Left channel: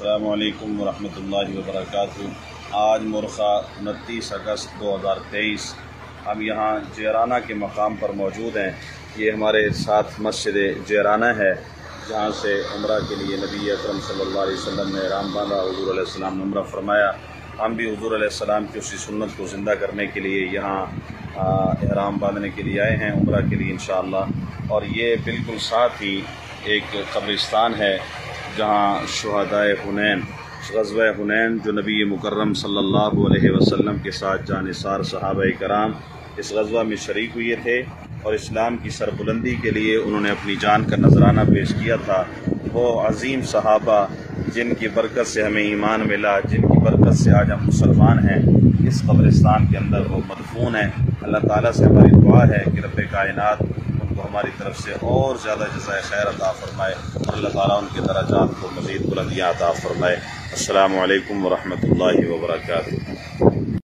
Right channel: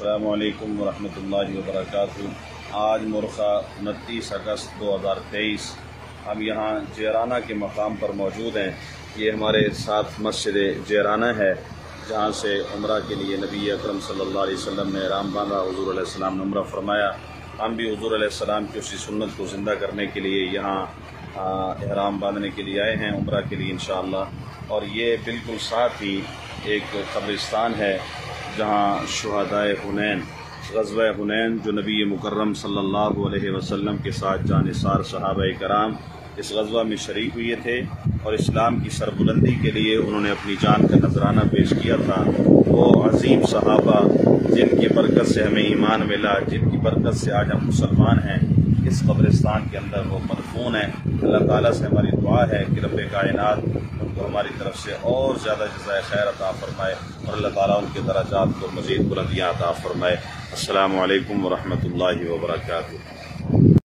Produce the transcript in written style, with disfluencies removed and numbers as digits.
السلام علیکم ورحمۃ اللہ وبرکاتہ۔ آج مرخہ 29 اگست 2023 ہم یہاں جیرانہ کے مقام پر موجود ہیں۔ یہ ہمارے ساتھ مسجد جیرانہ ہے جہاں سے عمرہ کے لیے نبی اکرم صلی اللہ علیہ وسلم نے احرام باندھا، حضور علیہ السلام نے عمرہ فرمایا۔ ہم بھی حضور علیہ السلام کی اسی سنت کو زندہ کرنے کے لیے یہاں احرام باندھنے کے لیے آئے ہیں، عمرہ کے لیے انشاءاللہ۔ اور یہ بالکل ساتھ ہی ایک قبرستان ہے جہاں شہدائے حنین، غزوہ حنین جو نبی مکرم صلی اللہ علیہ وسلم کے ساتھ جانثار صحابہ کرام اس غزوہ میں شریک ہوئے تھے اور اسلام کی سربلندی کے لیے انہوں نے اپنی جان کا نذرانہ پیش کیا تھا۔ وہ عظیم صحابہ جن کی برکت سے ہمیں ایمان ملا، جن کی برکت سے آج ہم مسلمان ہیں، اس قبرستان کے اندر وہ مدفون ہیں۔ اللہ تعالیٰ سے ہماری دعا ہے کہ رب کائنات ان کو ہماری طرف سے اور زیادہ جزائے خیر عطا فرمائے اور اللہ تعالیٰ ان کے درجات کو مزید بلندیاں عطا فرمائے۔ السلام علیکم ورحمۃ اللہ وبرکاتہ۔